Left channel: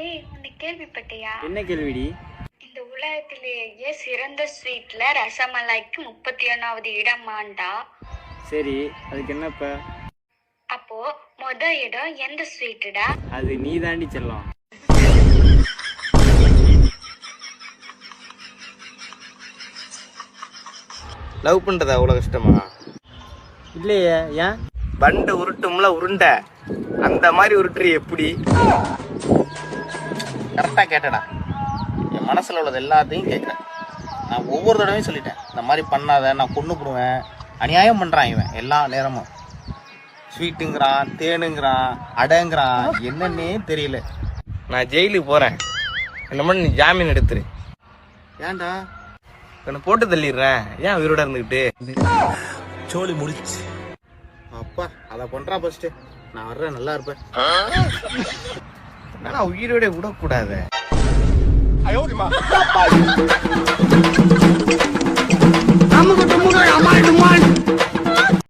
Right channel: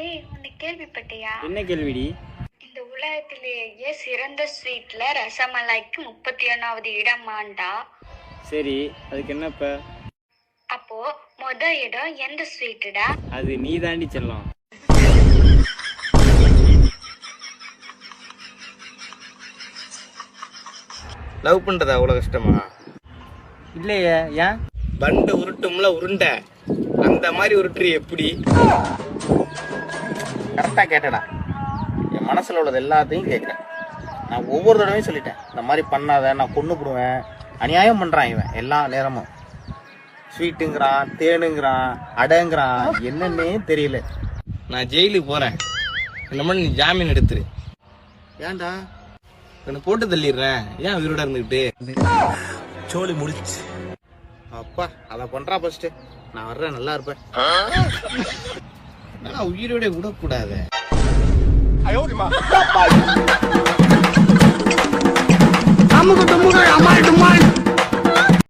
உன்னை கேள்விப்பட்டியா? என்ன கேள்விடி? இந்த உலகத்திலேயே சிறந்த ஸ்வீட்ல ரசமலாய்க்கு 31வது இடமாண்டா. சரி, அதுக்கு என்னப்ப? அப்போ இடம் எந்த ஸ்வீட்டுடா? அது நீ தாண்டி செல்லம். லவ் பண்றதா அவ்வளவு கஷ்டமா? இல்லையே, ஏன்? பண்டு உருட்டும்ல உருண்டை, அந்த மாதிரி உருட்டுறி எப்படி? கரெக்டா கேட்டடா, என் மனசுல உள்ளது எல்லாத்தையும் கேட்கிறேன். நான் ஒவ்வொரு தடவையும் சொல்லிட்டேன், இந்த மாதிரி பண்ணாத, நான் கொண்டு போடுவேன். அநியாயம் பண்றான் இவன் எல்லா நேரமும். ஸ்வீட்டுங்கிறான், தேனுங்கிறான், அடங்கிறான், என்னன்னே தெரியல. நான் ஜெயிலுக்கு போறேன், என்ன பண்ண நீ ஜாமீன் எடுத்துரு. ஏன்டா? என்ன போட்டு தள்ளிடுறேன், ஏன் உயிரோட இருந்துகிட்டு? சோழி முடிச்சு. அப்பா அத பண்றா ஃபர்ஸ்ட், நான் வர்றேன், நல்லா இருப்பேன். நான் உயிரோட விடக்கூடாத. அம்முக்கு தும்முக்கு அம்மாள் டும்மாள்.